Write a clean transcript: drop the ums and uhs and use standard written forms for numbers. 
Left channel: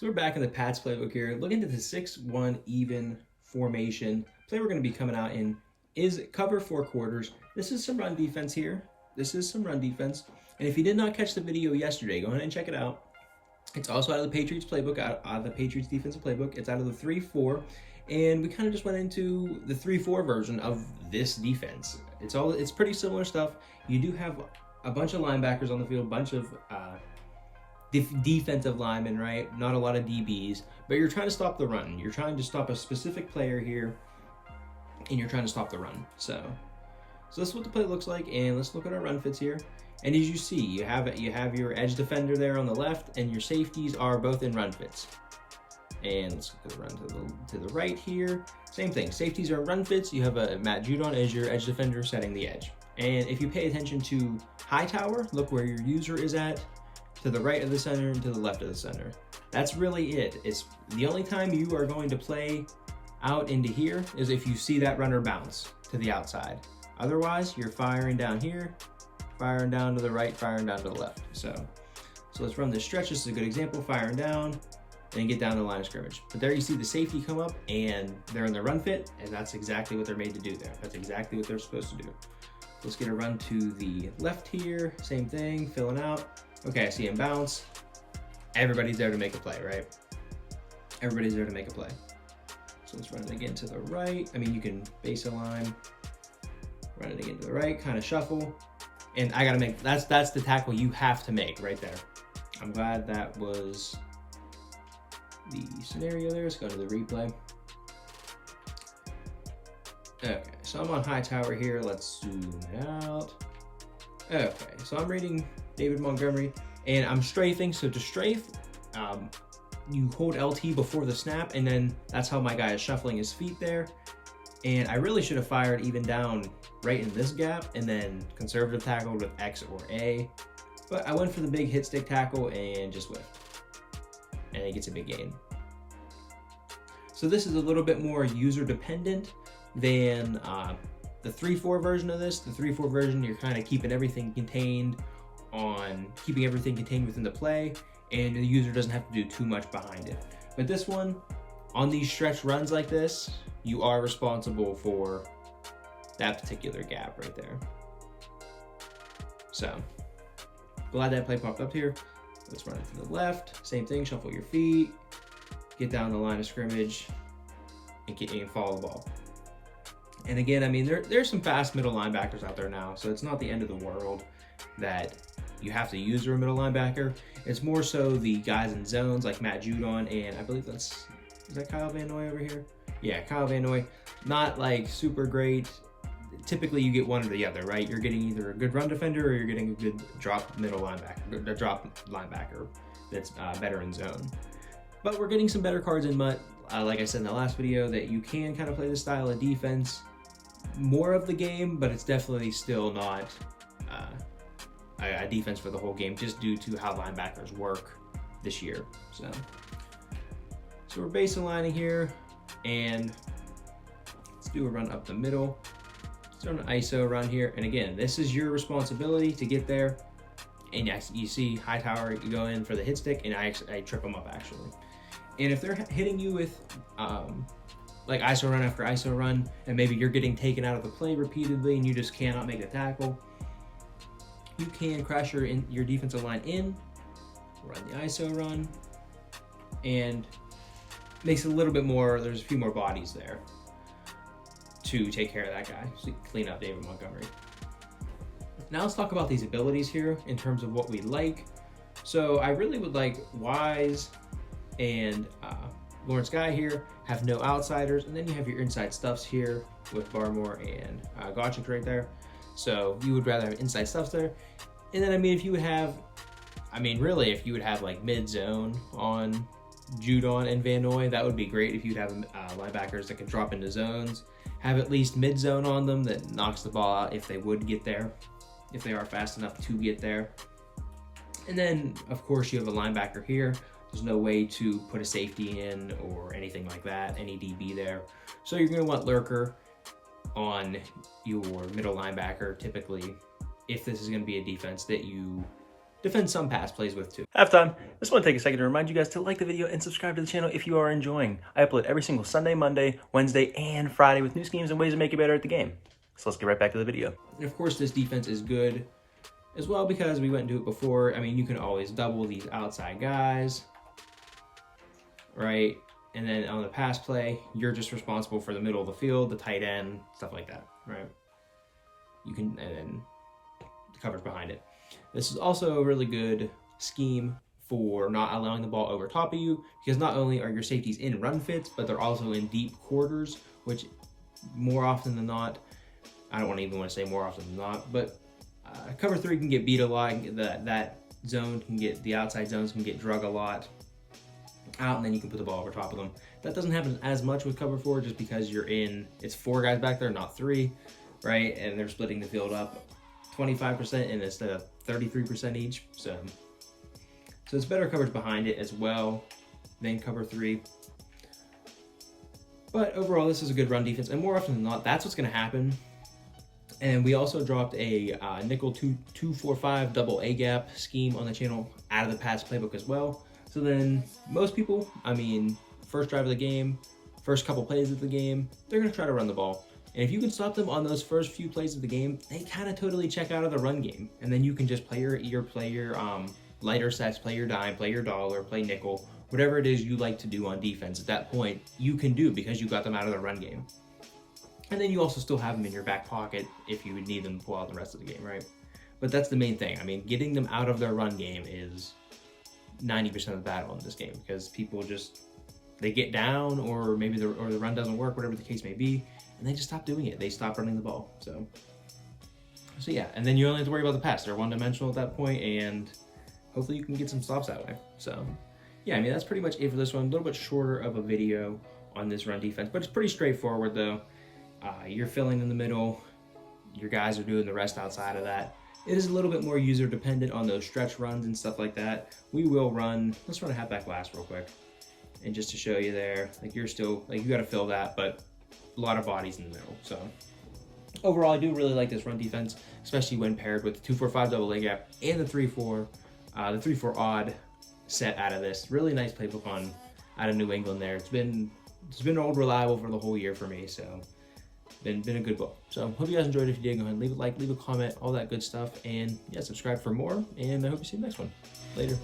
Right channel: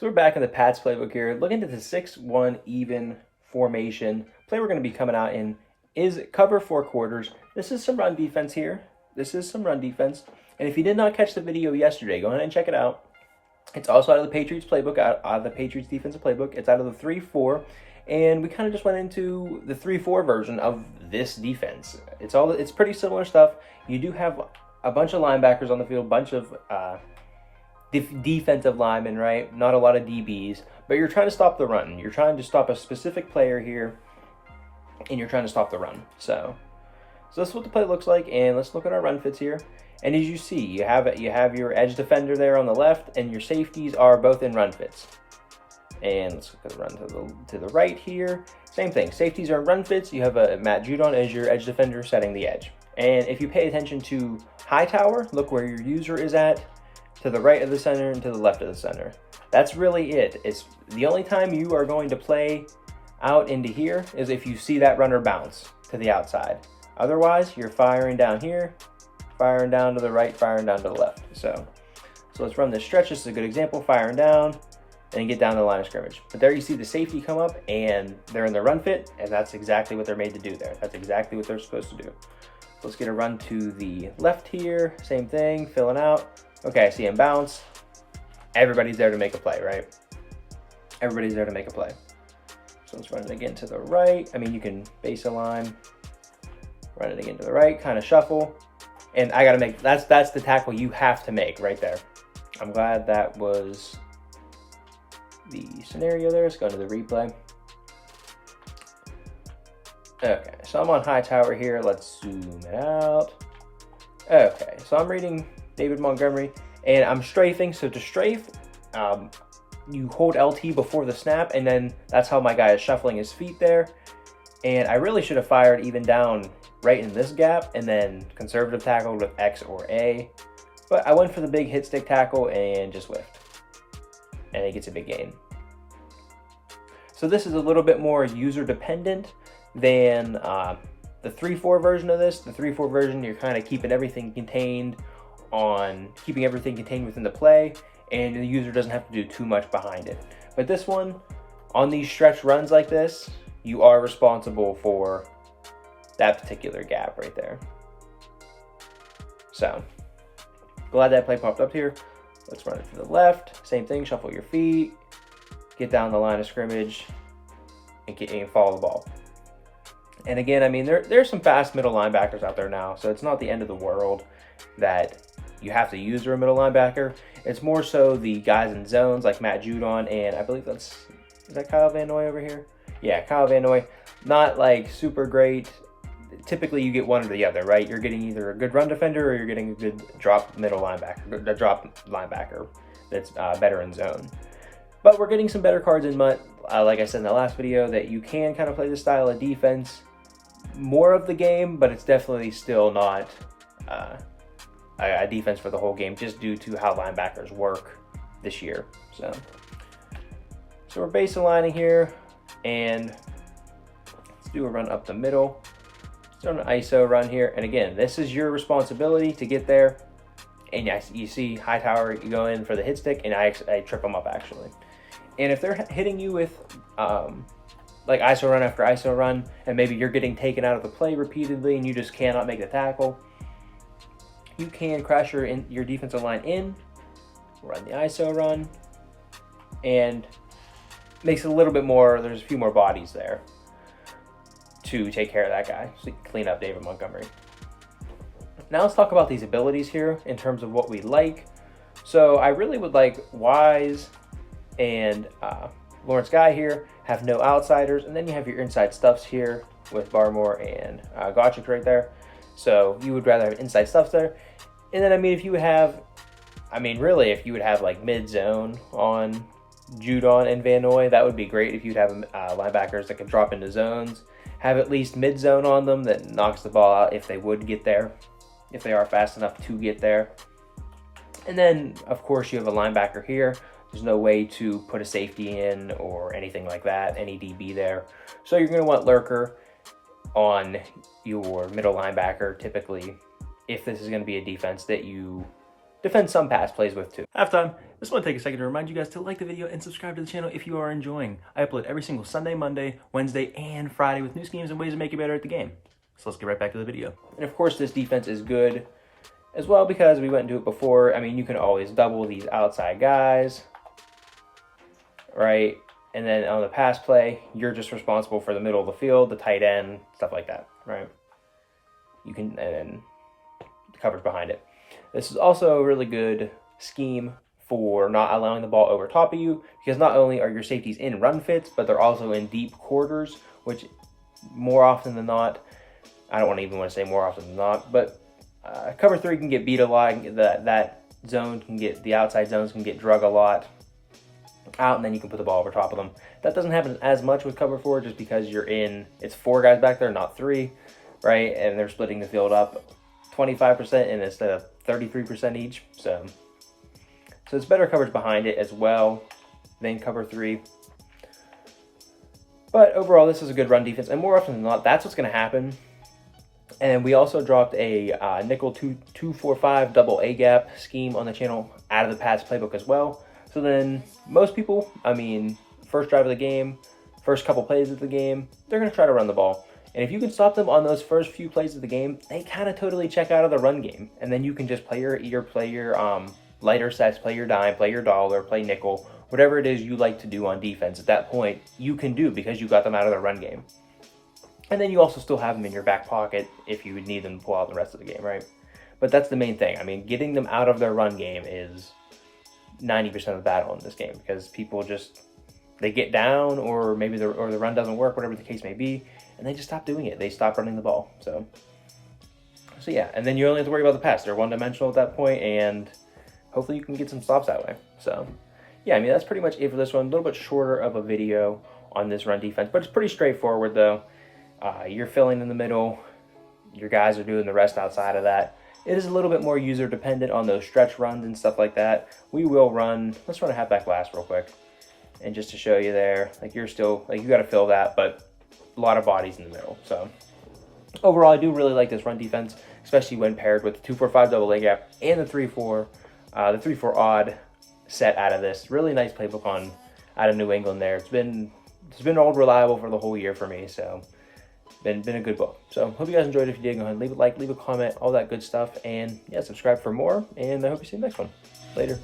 So we're back in the Pats playbook here, looking at the 6-1 even formation. Play we're going to be coming out in is cover 4 quarters. This is some run defense here. This is some run defense. And if you did not catch the video yesterday, go ahead and check it out. It's also out of the Patriots playbook, out of the Patriots defensive playbook. It's out of the 3-4. And we kind of just went into the 3-4 version of this defense. It's pretty similar stuff. You do have a bunch of linebackers on the field, bunch of defensive linemen, right? Not a lot of DBs, but you're trying to stop the run. You're trying to stop a specific player here, and you're trying to stop the run. So this is what the play looks like, and let's look at our run fits here. And as you see, you have your edge defender there on the left, and your safeties are both in run fits. And let's look at the run to the right here. Same thing. Safeties are in run fits. You have a Matt Judon as your edge defender setting the edge. And if you pay attention to Hightower, look where your user is at, to the right of the center and to the left of the center. That's really it. It's the only time you are going to play out into here is if you see that runner bounce to the outside. Otherwise, you're firing down here, firing down to the right, firing down to the left. So let's run this stretch. This is a good example, firing down and get down to the line of scrimmage. But there you see the safety come up and they're in the run fit, and that's exactly what they're made to do there. That's exactly what they're supposed to do. Let's get a run to the left here. Same thing, filling out. Okay, I see him bounce. Everybody's there to make a play, right? Everybody's there to make a play. So let's run it again to the right. I mean, you can base a line, run it again to the right, kind of shuffle. And I gotta make, that's the tackle you have to make right there. I'm glad that was the scenario there. Let's go to the replay. Okay, so I'm on Hightower here. Let's zoom it out. Okay, so I'm reading David Montgomery, and I'm strafing. So to strafe, you hold LT before the snap, and then that's how my guy is shuffling his feet there. And I really should have fired even down right in this gap, and then conservative tackled with X or A. But I went for the big hit stick tackle and just whiffed. And it gets a big gain. So this is a little bit more user dependent than the 3-4 version of this. The 3-4 version, you're kind of keeping everything contained within the play, and the user doesn't have to do too much behind it. But this one, on these stretch runs like this, you are responsible for that particular gap right there. So glad that play popped up here. Let's run it to the left. Same thing, shuffle your feet, get down the line of scrimmage, and follow the ball. And again, I mean, there's some fast middle linebackers out there now, so it's not the end of the world that you have to use a middle linebacker. It's more so the guys in zones like Matt Judon, and I believe is that Kyle Van Noy over here? Yeah, Kyle Van Noy. Not like super great. Typically you get one or the other, right? You're getting either a good run defender or you're getting a good drop linebacker that's better in zone. But we're getting some better cards in MUT. Like I said in the last video, that you can kind of play this style of defense more of the game, but it's definitely still not a defense for the whole game, just due to how linebackers work this year. So we're base aligning here, and let's do a run up the middle. Let's do an ISO run here, and again, this is your responsibility to get there. And yes, you see Hightower, you go in for the hit stick, and I trip them up actually. And if they're hitting you with like ISO run after ISO run, and maybe you're getting taken out of the play repeatedly and you just cannot make the tackle, you can crash your defensive line in, run the ISO run, and makes it a little bit more, there's a few more bodies there to take care of that guy, so clean up David Montgomery. Now let's talk about these abilities here in terms of what we like. So I really would like Wise and Lawrence Guy here have no outsiders, and then you have your inside stuffs here with Barmore and Gotchik right there. So you would rather have inside stuffs there. And then, I mean, if you would have like mid-zone on Judon and Van Noy, that would be great. If you'd have linebackers that can drop into zones, have at least mid-zone on them that knocks the ball out if they would get there, if they are fast enough to get there. And then, of course, you have a linebacker here. There's no way to put a safety in or anything like that, any DB there. So you're going to want Lurker on your middle linebacker, typically, if this is going to be a defense that you defend some pass plays with too. Halftime. Just want to take a second to remind you guys to like the video and subscribe to the channel if you are enjoying. I upload every single Sunday, Monday, Wednesday, and Friday with new schemes and ways to make you better at the game. So let's get right back to the video. And of course, this defense is good as well because we went into it before. I mean, you can always double these outside guys, right? And then on the pass play, you're just responsible for the middle of the field, the tight end, stuff like that, right? You can, and then the coverage behind it. This is also a really good scheme for not allowing the ball over top of you, because not only are your safeties in run fits, but they're also in deep quarters, which more often than not, I don't even want to say more often than not, but cover 3 can get beat a lot. That zone can get, the outside zones can get drug a lot out, and then you can put the ball over top of them. That doesn't happen as much with cover 4 just because you're in, it's 4 guys back there, not 3, right? And they're splitting the field up 25% and instead of 33% each. So it's better coverage behind it as well than cover 3. But overall, this is a good run defense, and more often than not, that's what's going to happen. And we also dropped a nickel 2-4-5 double A gap scheme on the channel out of the pass playbook as well. So then most people, I mean, first drive of the game, first couple plays of the game, they're going to try to run the ball. And if you can stop them on those first few plays of the game, they kind of totally check out of the run game. And then you can just play your lighter sets, play your dime, play your dollar, play nickel, whatever it is you like to do on defense at that point, you can do because you got them out of the run game. And then you also still have them in your back pocket if you would need them to pull out the rest of the game, right? But that's the main thing. I mean, getting them out of their run game is 90% of the battle in this game, because people just, they get down, or maybe the run doesn't work, whatever the case may be, and they just stop doing it. They stop running the ball. So yeah, and then you only have to worry about the pass. They're one-dimensional at that point, and hopefully you can get some stops that way. So yeah, I mean, that's pretty much it for this one. A little bit shorter of a video on this run defense, but it's pretty straightforward though. You're filling in the middle, your guys are doing the rest outside of that. It is a little bit more user dependent on those stretch runs and stuff like that. We will run, let's run a halfback blast real quick. And just to show you there, like you're still, like you got to fill that, but a lot of bodies in the middle. So overall, I do really like this run defense, especially when paired with the 2-4-5 double A gap and the 3-4 odd set out of this. Really nice playbook out of New England there. It's been old reliable for the whole year for me, so been a good book. So hope you guys enjoyed. If you did, go ahead and leave a like, leave a comment, all that good stuff, and yeah, subscribe for more, and I hope you see you in the next one. Later.